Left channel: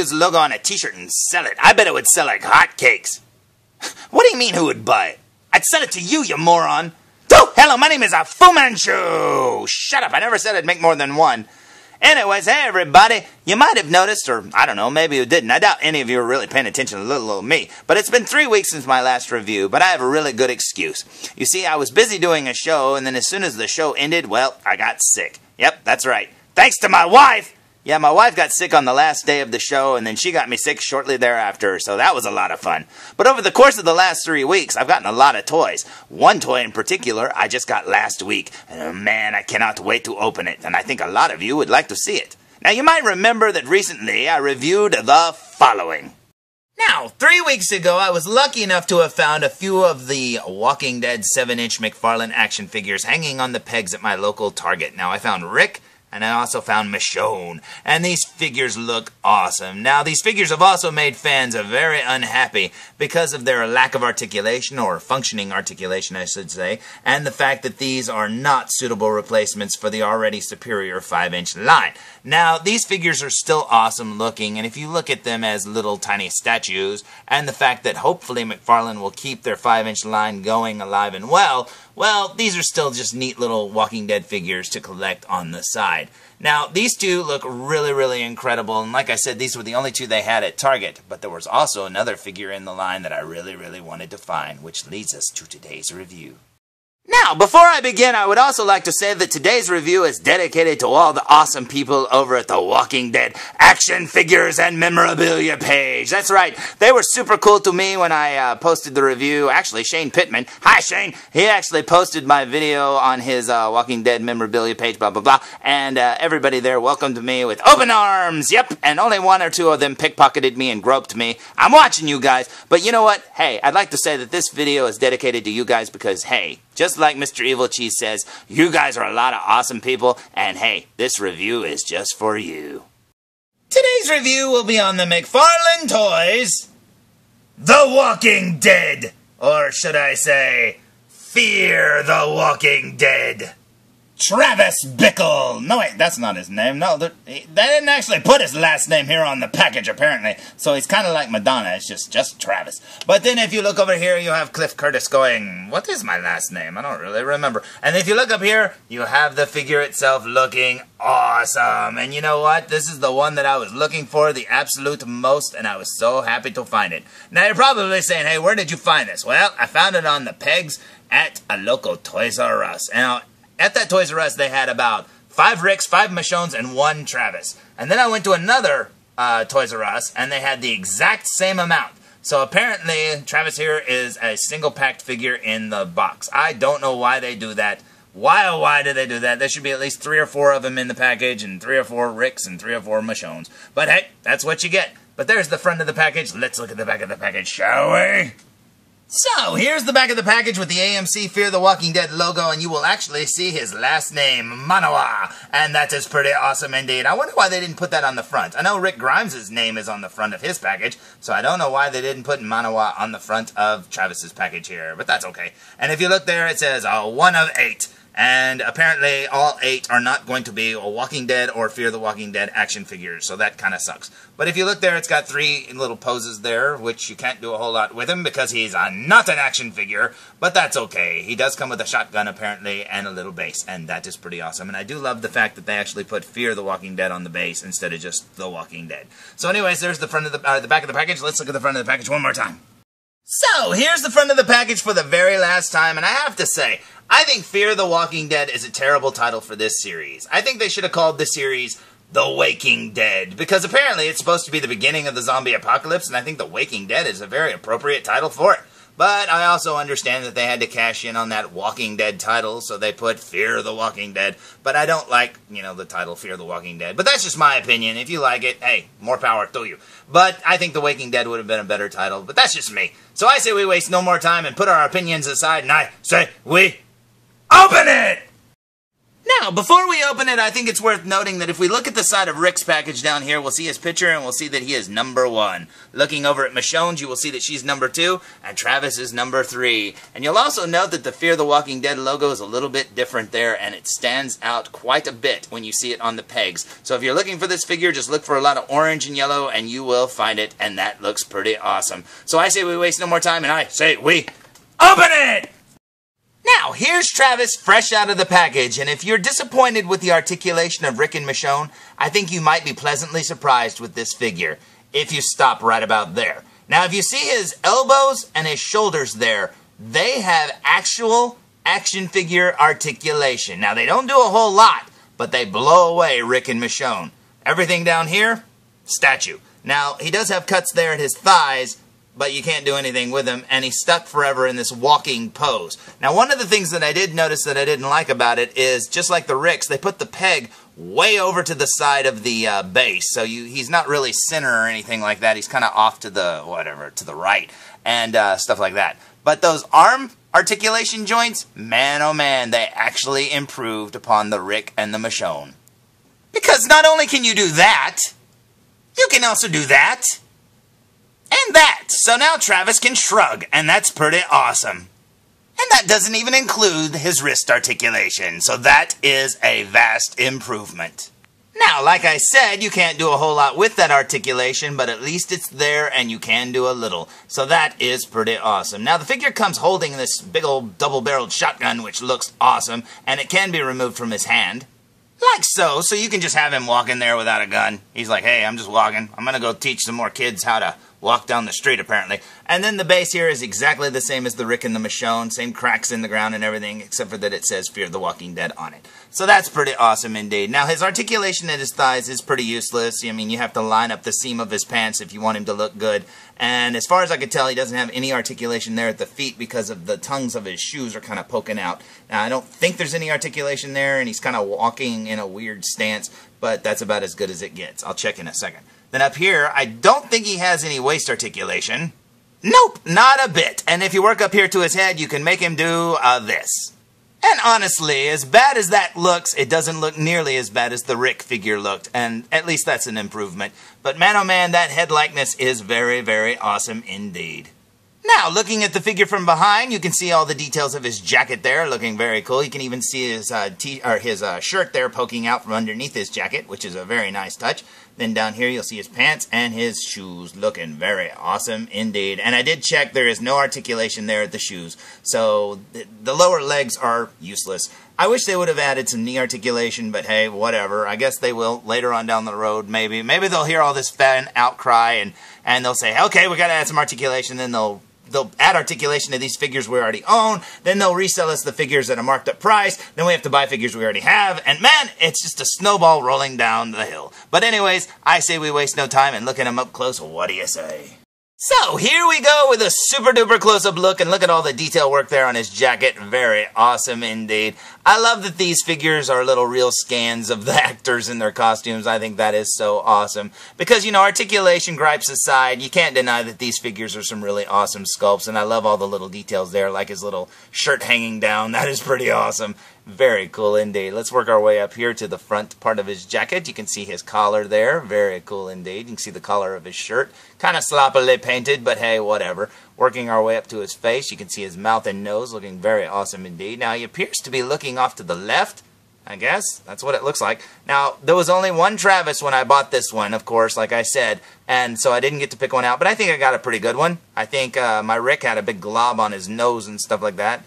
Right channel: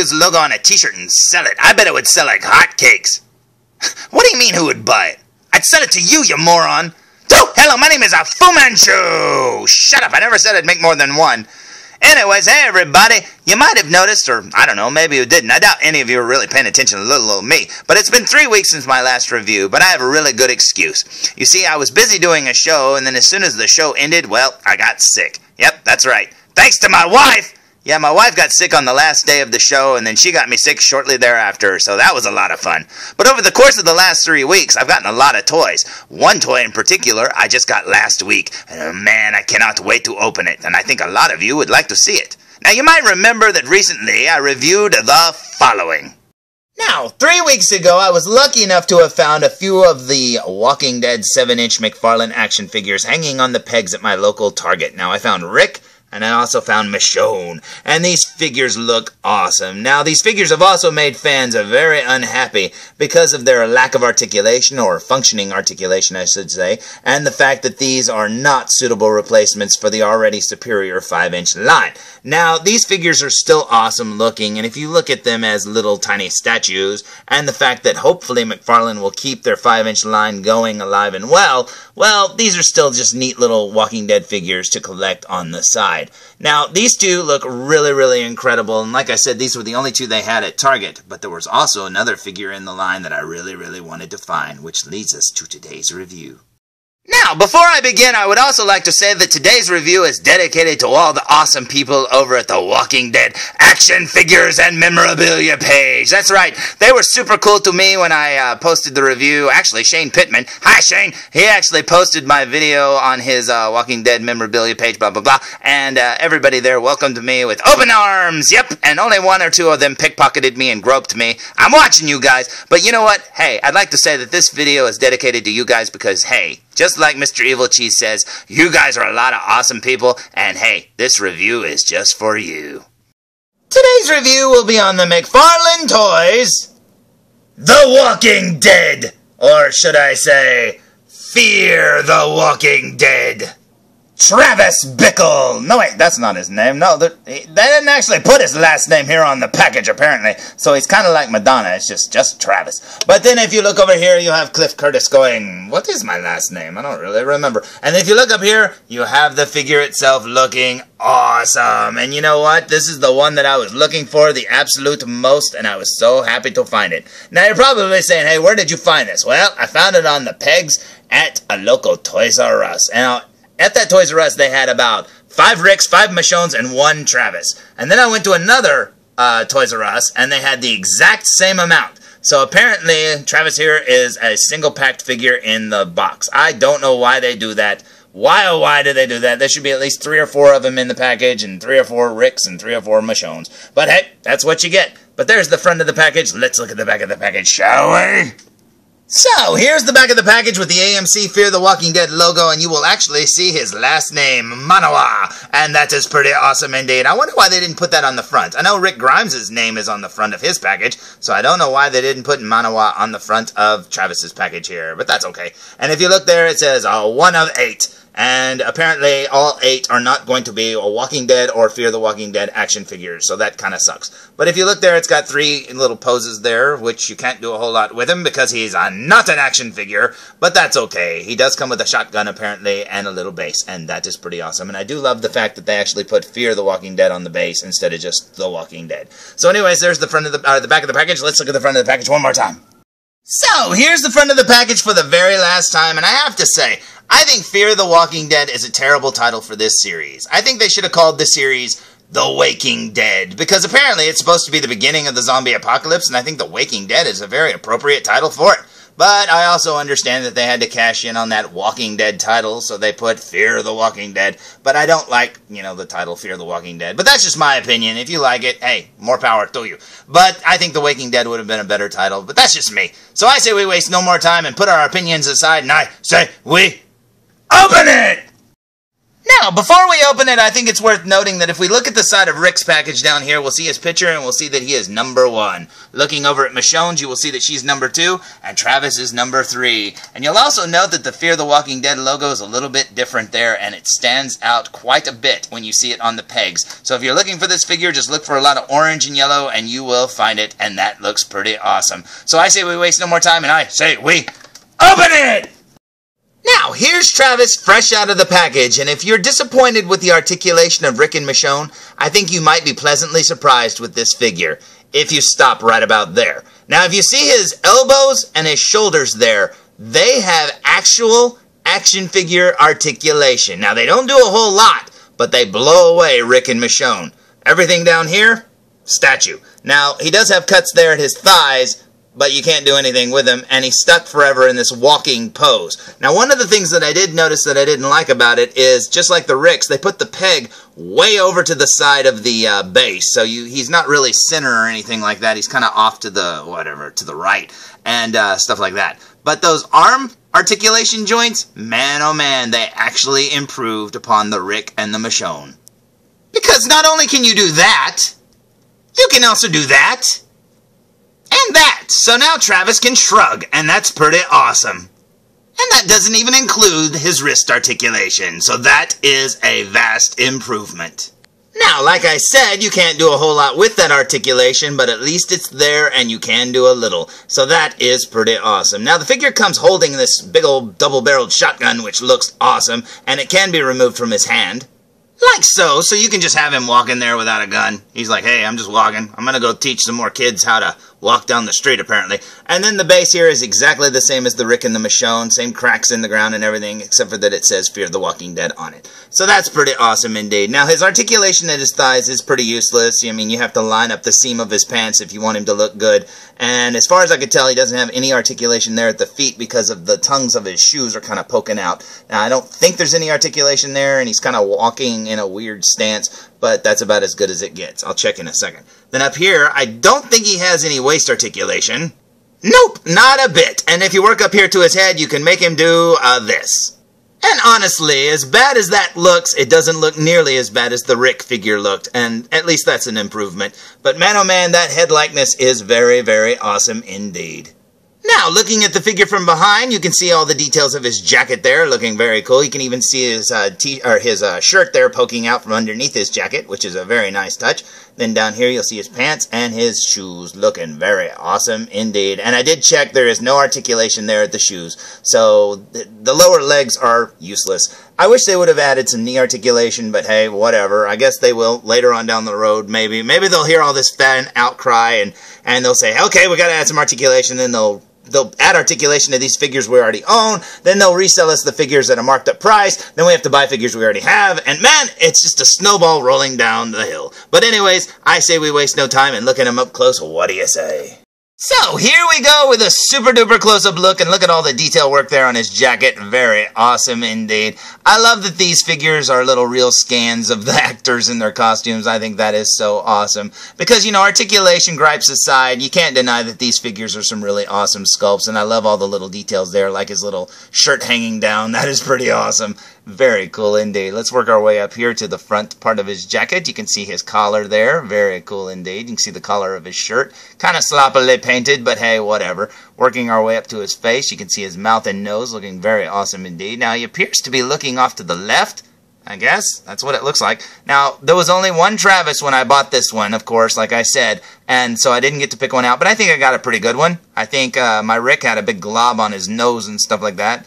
use the logo on a t-shirt and sell it. I bet it would sell like hotcakes. What do you mean who would buy it? I'd sell it to you, you moron. Oh, hello, my name is Fu Manchu. Shut up, I never said I'd make more than one. Anyways, hey everybody, you might have noticed, or I don't know, maybe you didn't. I doubt any of you are really paying attention to little old me. But it's been 3 weeks since my last review, but I have a really good excuse. You see, I was busy doing a show, and then as soon as the show ended, well, I got sick. Yep, that's right. Thanks to my wife! Yeah, my wife got sick on the last day of the show, and then she got me sick shortly thereafter, so that was a lot of fun. But over the course of the last 3 weeks, I've gotten a lot of toys. One toy in particular I just got last week. Man, I cannot wait to open it, and I think a lot of you would like to see it. Now, you might remember that recently I reviewed the following. Now, 3 weeks ago, I was lucky enough to have found a few of the Walking Dead 7-inch McFarlane action figures hanging on the pegs at my local Target. Now, I found Rick, and I also found Michonne, and these figures look awesome. Now, these figures have also made fans very unhappy because of their lack of articulation, or functioning articulation, I should say, and the fact that these are not suitable replacements for the already superior 5-inch line. Now, these figures are still awesome looking, and if you look at them as little tiny statues, and the fact that hopefully McFarlane will keep their 5-inch line going alive and well, these are still just neat little Walking Dead figures to collect on the side. Now, these two look really, really incredible, and like I said, these were the only two they had at Target, but there was also another figure in the line that I really, really wanted to find, which leads us to today's review. Now, before I begin, I would also like to say that today's review is dedicated to all the awesome people over at the Walking Dead Action Figures and Memorabilia page. That's right, they were super cool to me when I posted the review. Actually, Shane Pittman, hi Shane, he actually posted my video on his Walking Dead Memorabilia page, blah, blah, blah, and everybody there welcomed me with open arms, yep, and only 1 or 2 of them pickpocketed me and groped me. I'm watching you guys, but you know what? Hey, I'd like to say that this video is dedicated to you guys because, hey, just like Mr. Evilcheese says, you guys are a lot of awesome people, and hey, this review is just for you. Today's review will be on the McFarlane toys, The Walking Dead, or should I say, Fear the Walking Dead. Travis Bickle. No, wait, that's not his name. No, they didn't actually put his last name here on the package, apparently. So he's kind of like Madonna. It's just Travis. But then if you look over here, you have Cliff Curtis going, what is my last name? I don't really remember. And if you look up here, you have the figure itself looking awesome. And you know what? This is the one that I was looking for the absolute most, and I was so happy to find it. Now, you're probably saying, hey, where did you find this? Well, I found it on the pegs at a local Toys R Us. Now, at that Toys R Us, they had about 5 Ricks, 5 Michonnes, and 1 Travis. And then I went to another Toys R Us, and they had the exact same amount. So apparently, Travis here is a single-packed figure in the box. I don't know why they do that. Why, oh why do they do that? There should be at least 3 or 4 of them in the package, and 3 or 4 Ricks, and 3 or 4 Michonnes. But hey, that's what you get. But there's the front of the package. Let's look at the back of the package, shall we? So, here's the back of the package with the AMC Fear the Walking Dead logo, and you will actually see his last name, Manawa, and that is pretty awesome indeed. I wonder why they didn't put that on the front. I know Rick Grimes' name is on the front of his package, so I don't know why they didn't put Manawa on the front of Travis's package here, but that's okay. And if you look there, it says 1 of 8. And apparently all 8 are not going to be a Walking Dead or Fear the Walking Dead action figures, so that kind of sucks. But if you look there, it's got 3 little poses there, which you can't do a whole lot with him because he's not an action figure, but that's okay. He does come with a shotgun apparently and a little base, and that is pretty awesome. And I do love the fact that they actually put Fear the Walking Dead on the base instead of just The Walking Dead. So anyways, there's the front of the back of the package. Let's look at the front of the package one more time. So, here's the front of the package for the very last time, and I have to say, I think Fear the Walking Dead is a terrible title for this series. I think they should have called this series The Waking Dead, because apparently it's supposed to be the beginning of the zombie apocalypse, and I think The Waking Dead is a very appropriate title for it. But I also understand that they had to cash in on that Walking Dead title, so they put Fear the Walking Dead. But I don't like, the title Fear the Walking Dead. But that's just my opinion. If you like it, hey, more power to you. But I think The Waking Dead would have been a better title, but that's just me. So I say we waste no more time and put our opinions aside, and I say we open it! Now, before we open it, I think it's worth noting that if we look at the side of Rick's package down here, we'll see his picture and we'll see that he is number 1. Looking over at Michonne's, you will see that she's number 2, and Travis is number 3. And you'll also note that the Fear the Walking Dead logo is a little bit different there, and it stands out quite a bit when you see it on the pegs. So if you're looking for this figure, just look for a lot of orange and yellow, and you will find it, and that looks pretty awesome. So I say we waste no more time, and I say we open it! Now, here's Travis fresh out of the package, and if you're disappointed with the articulation of Rick and Michonne, I think you might be pleasantly surprised with this figure, if you stop right about there. Now, if you see his elbows and his shoulders there, they have actual action figure articulation. Now, they don't do a whole lot, but they blow away Rick and Michonne. Everything down here, statue. Now, he does have cuts there at his thighs, but you can't do anything with him, and he's stuck forever in this walking pose. Now, one of the things that I did notice that I didn't like about it is, just like the Ricks, they put the peg way over to the side of the base, so he's not really center or anything like that. He's kind of off to the, to the right, and stuff like that. But those arm articulation joints, man oh man, they actually improved upon the Rick and the Michonne. Because not only can you do that, you can also do that. And that! So now Travis can shrug, and that's pretty awesome. And that doesn't even include his wrist articulation, so that is a vast improvement. Now, like I said, you can't do a whole lot with that articulation, but at least it's there and you can do a little. So that is pretty awesome. Now, the figure comes holding this big old double-barreled shotgun, which looks awesome, and it can be removed from his hand. Like so you can just have him walk in there without a gun. He's like, hey, I'm just walking. I'm going to go teach some more kids how to walk down the street, apparently. And then the base here is exactly the same as the Rick and the Michonne. Same cracks in the ground and everything, except for that it says Fear the Walking Dead on it. So that's pretty awesome indeed. Now, his articulation at his thighs is pretty useless. I mean, you have to line up the seam of his pants if you want him to look good. And as far as I could tell, he doesn't have any articulation there at the feet because of the tongues of his shoes are kind of poking out. Now, I don't think there's any articulation there, and he's kind of walking in a weird stance, but that's about as good as it gets. I'll check in a second. Then up here, I don't think he has any waist articulation. Nope, not a bit. And if you work up here to his head, you can make him do this. And honestly, as bad as that looks, it doesn't look nearly as bad as the Rick figure looked, and at least that's an improvement. But man oh man, that head likeness is very, very awesome indeed. Now, looking at the figure from behind, you can see all the details of his jacket there, looking very cool. You can even see his shirt there poking out from underneath his jacket, which is a very nice touch. Then down here, you'll see his pants and his shoes, looking very awesome indeed. And I did check, there is no articulation there at the shoes, so the lower legs are useless. I wish they would have added some knee articulation, but hey, whatever. I guess they will later on down the road, maybe. Maybe they'll hear all this fan outcry, and they'll say, okay, we got to add some articulation, then they'll add articulation to these figures we already own, then they'll resell us the figures at a marked up price, then we have to buy figures we already have, and man, it's just a snowball rolling down the hill. But anyways, I say we waste no time and look at him up close. What do you say? So, here we go with a super duper close-up look, and look at all the detail work there on his jacket. Very awesome indeed. I love that these figures are little real scans of the actors in their costumes. I think that is so awesome. Because, you know, articulation gripes aside, you can't deny that these figures are some really awesome sculpts, and I love all the little details there, like his little shirt hanging down. That is pretty awesome. Very cool indeed. Let's work our way up here to the front part of his jacket. You can see his collar there. Very cool indeed. You can see the collar of his shirt. Kind of sloppily painted, but hey, whatever. Working our way up to his face, you can see his mouth and nose looking very awesome indeed. Now, he appears to be looking off to the left, I guess. That's what it looks like. Now, there was only one Travis when I bought this one, of course, like I said, and so I didn't get to pick one out, but I think I got a pretty good one. I think my Rick had a big glob on his nose and stuff like that.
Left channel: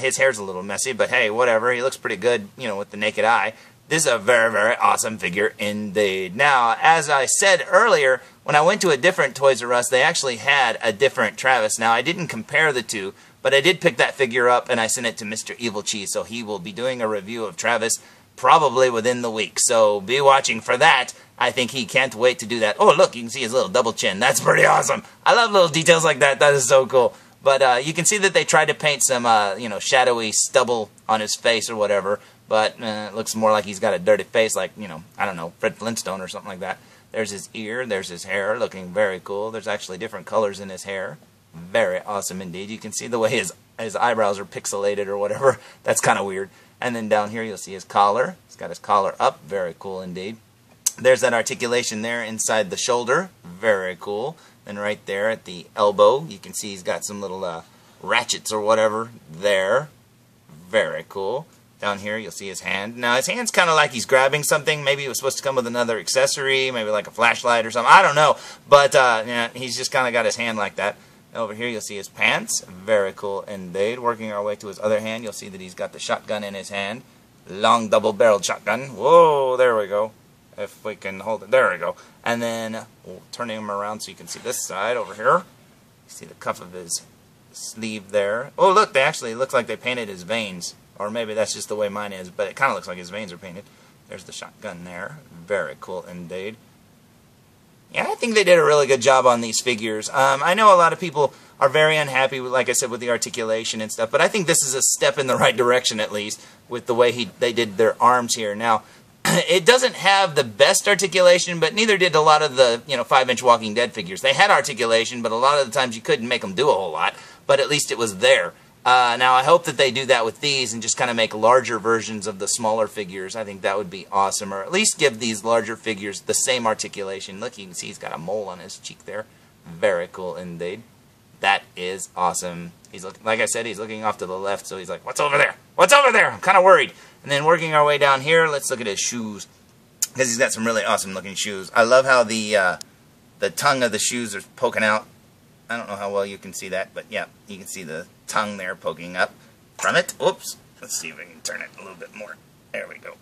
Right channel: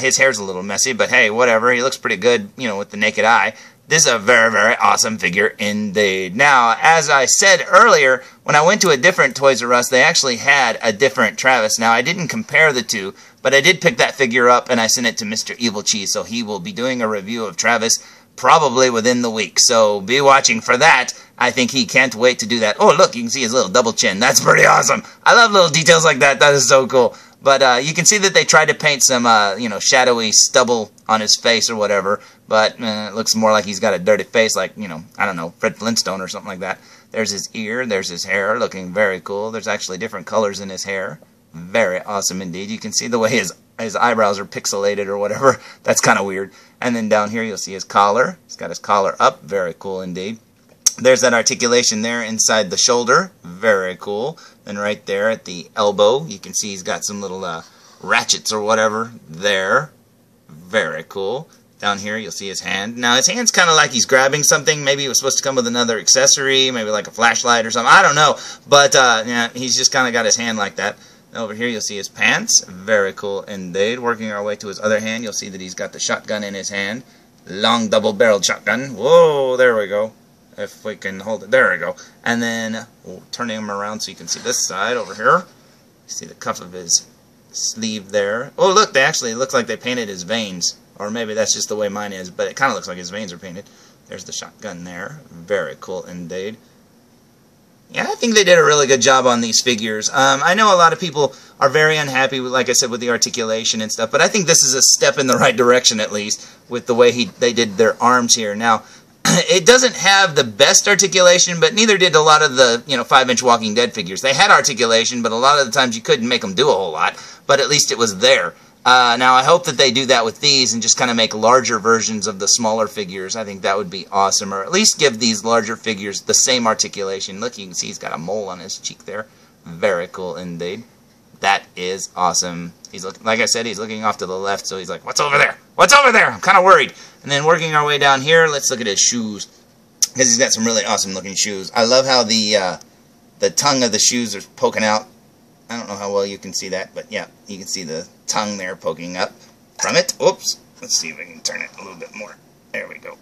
His hair's a little messy, but hey, whatever. He looks pretty good, you know, with the naked eye. This is a very, very awesome figure indeed. Now, as I said earlier, when I went to a different Toys R Us, they actually had a different Travis. Now, I didn't compare the two, but I did pick that figure up, and I sent it to Mr. Evilcheese, so he will be doing a review of Travis probably within the week. So be watching for that. I think he can't wait to do that. Oh, look, you can see his little double chin. That's pretty awesome. I love little details like that. That is so cool. But you can see that they tried to paint some, you know, shadowy stubble on his face or whatever. But it looks more like he's got a dirty face, like, you know, I don't know, Fred Flintstone or something like that. There's his ear, there's his hair, looking very cool. There's actually different colors in his hair. Very awesome indeed. You can see the way his his eyebrows are pixelated or whatever. That's kind of weird. And then down here you'll see his collar. He's got his collar up. Very cool indeed. There's that articulation there inside the shoulder. Very cool. And right there at the elbow, you can see he's got some little ratchets or whatever there. Very cool. Down here you'll see his hand. Now his hand's kind of like he's grabbing something. Maybe it was supposed to come with another accessory, maybe like a flashlight or something. I don't know. But yeah, he's just kind of got his hand like that. Over here you'll see his pants. Very cool indeed. Working our way to his other hand, you'll see that he's got the shotgun in his hand. Long double-barreled shotgun. Whoa, there we go. If we can hold it. There we go. And then turning him around so you can see this side over here. You see the cuff of his sleeve there. Oh, look, they actually look like they painted his veins. Or maybe that's just the way mine is, but it kind of looks like his veins are painted. There's the shotgun there. Very cool indeed. Yeah, I think they did a really good job on these figures. I know a lot of people are very unhappy, with, like I said, with the articulation and stuff, but I think this is a step in the right direction, at least, with the way they did their arms here. Now, it doesn't have the best articulation, but neither did a lot of the 5-inch Walking Dead figures. They had articulation, but a lot of the times you couldn't make them do a whole lot, but at least it was there. Now, I hope that they do that with these and just kind of make larger versions of the smaller figures. I think that would be awesome, or at least give these larger figures the same articulation. Look, you can see he's got a mole on his cheek there. Very cool indeed. That is awesome. He's looking, like I said, he's looking off to the left, so he's like, what's over there? What's over there? I'm kind of worried. And then working our way down here, let's look at his shoes, because he's got some really awesome looking shoes. I love how the tongue of the shoes are poking out. I don't know how well you can see that, but yeah, you can see the tongue there poking up from it. Oops. Let's see if I can turn it a little bit more. There we go.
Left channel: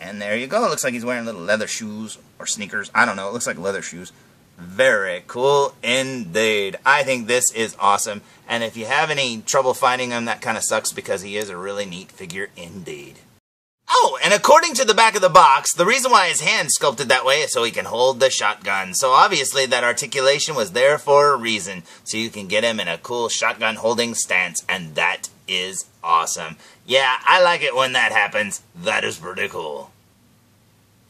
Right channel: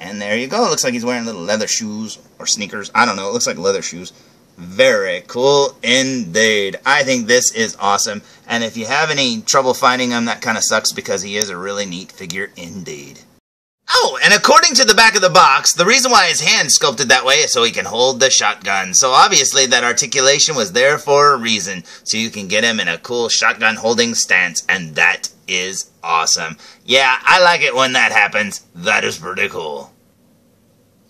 And there you go. It looks like he's wearing little leather shoes or sneakers. I don't know. It looks like leather shoes. Very cool indeed. I think this is awesome. And if you have any trouble finding him, that kind of sucks because he is a really neat figure indeed. Oh, and according to the back of the box, the reason why his hand's sculpted that way is so he can hold the shotgun. So obviously that articulation was there for a reason, so you can get him in a cool shotgun holding stance, and that is awesome. Yeah, I like it when that happens. That is pretty cool.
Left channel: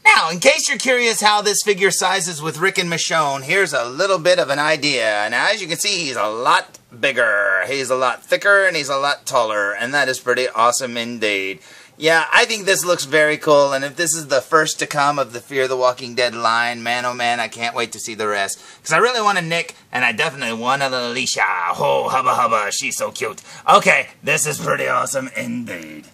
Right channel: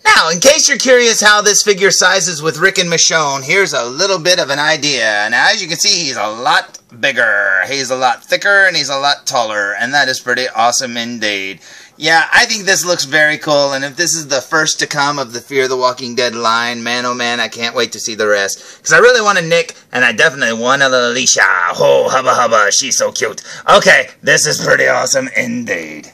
Now, in case you're curious how this figure sizes with Rick and Michonne, here's a little bit of an idea. Now, as you can see, he's a lot bigger. He's a lot thicker, and he's a lot taller, and that is pretty awesome indeed. Yeah, I think this looks very cool, and if this is the first to come of the Fear the Walking Dead line, man oh man, I can't wait to see the rest. Because I really want a Nick, and I definitely want a little Alicia. Oh, hubba hubba, she's so cute. Okay, this is pretty awesome indeed.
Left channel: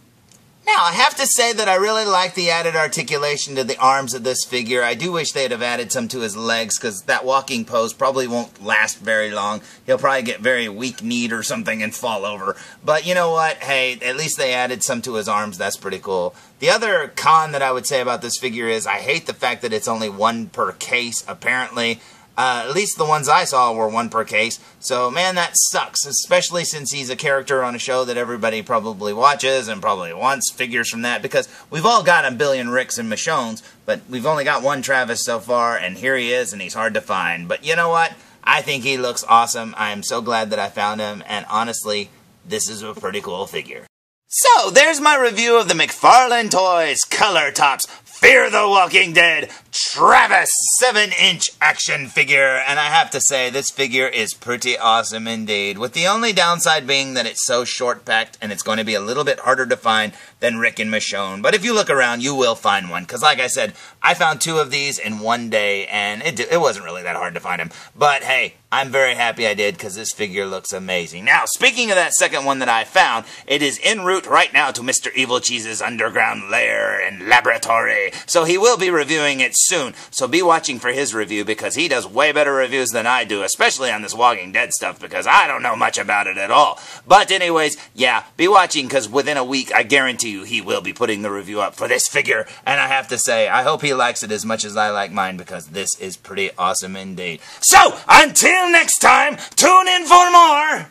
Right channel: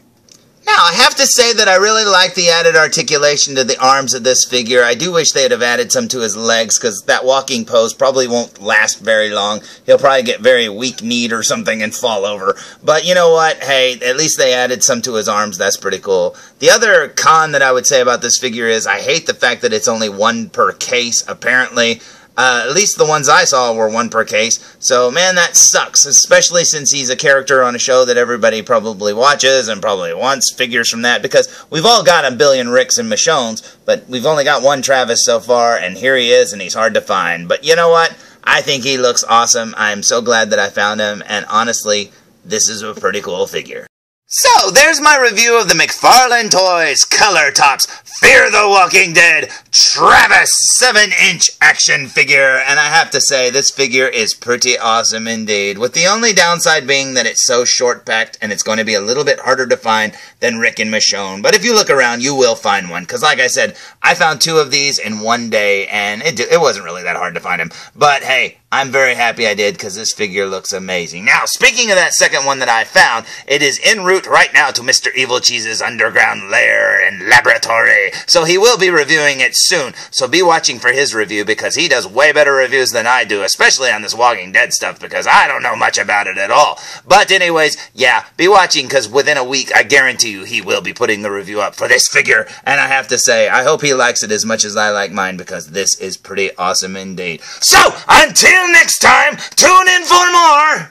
Now, I have to say that I really like the added articulation to the arms of this figure. I do wish they'd have added some to his legs, because that walking pose probably won't last very long. He'll probably get very weak-kneed or something and fall over. But you know what? Hey, at least they added some to his arms. That's pretty cool. The other con that I would say about this figure is I hate the fact that it's only one per case, apparently. At least the ones I saw were one per case. So, man, that sucks, especially since he's a character on a show that everybody probably watches and probably wants figures from that, because we've all got a billion Ricks and Michonnes, but we've only got one Travis so far, and here he is, and he's hard to find. But you know what? I think he looks awesome. I'm so glad that I found him, and honestly, this is a pretty cool figure. So, there's my review of the McFarlane Toys Color Tops Fear the Walking Dead Travis 7-inch action figure, and I have to say, this figure is pretty awesome indeed, with the only downside being that it's so short-packed and it's going to be a little bit harder to find than Rick and Michonne. But if you look around, you will find one, because like I said, I found 2 of these in one day, and it wasn't really that hard to find them. But hey, I'm very happy I did, because this figure looks amazing. Now, speaking of that second one that I found, it is en route right now to Mr. Evilcheese's underground lair and laboratory, so he will be reviewing it soon. So be watching for his review, because he does way better reviews than I do, especially on this Walking Dead stuff, because I don't know much about it at all. But anyways, yeah, be watching, because within a week, I guarantee you, he will be putting the review up for this figure, and I have to say, I hope he likes it as much as I like mine, because this is pretty awesome indeed. So, until next time, tune in for more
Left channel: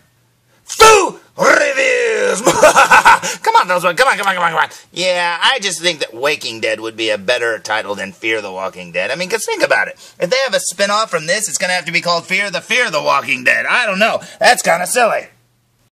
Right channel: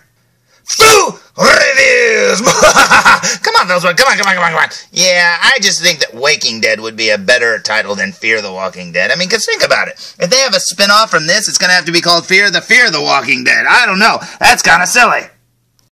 Foo Reviews! Come on, Felzbug, come on. Yeah, I just think that Waking Dead would be a better title than Fear the Walking Dead. I mean, because think about it. If they have a spin-off from this, it's going to have to be called Fear the Walking Dead. I don't know. That's kind of silly.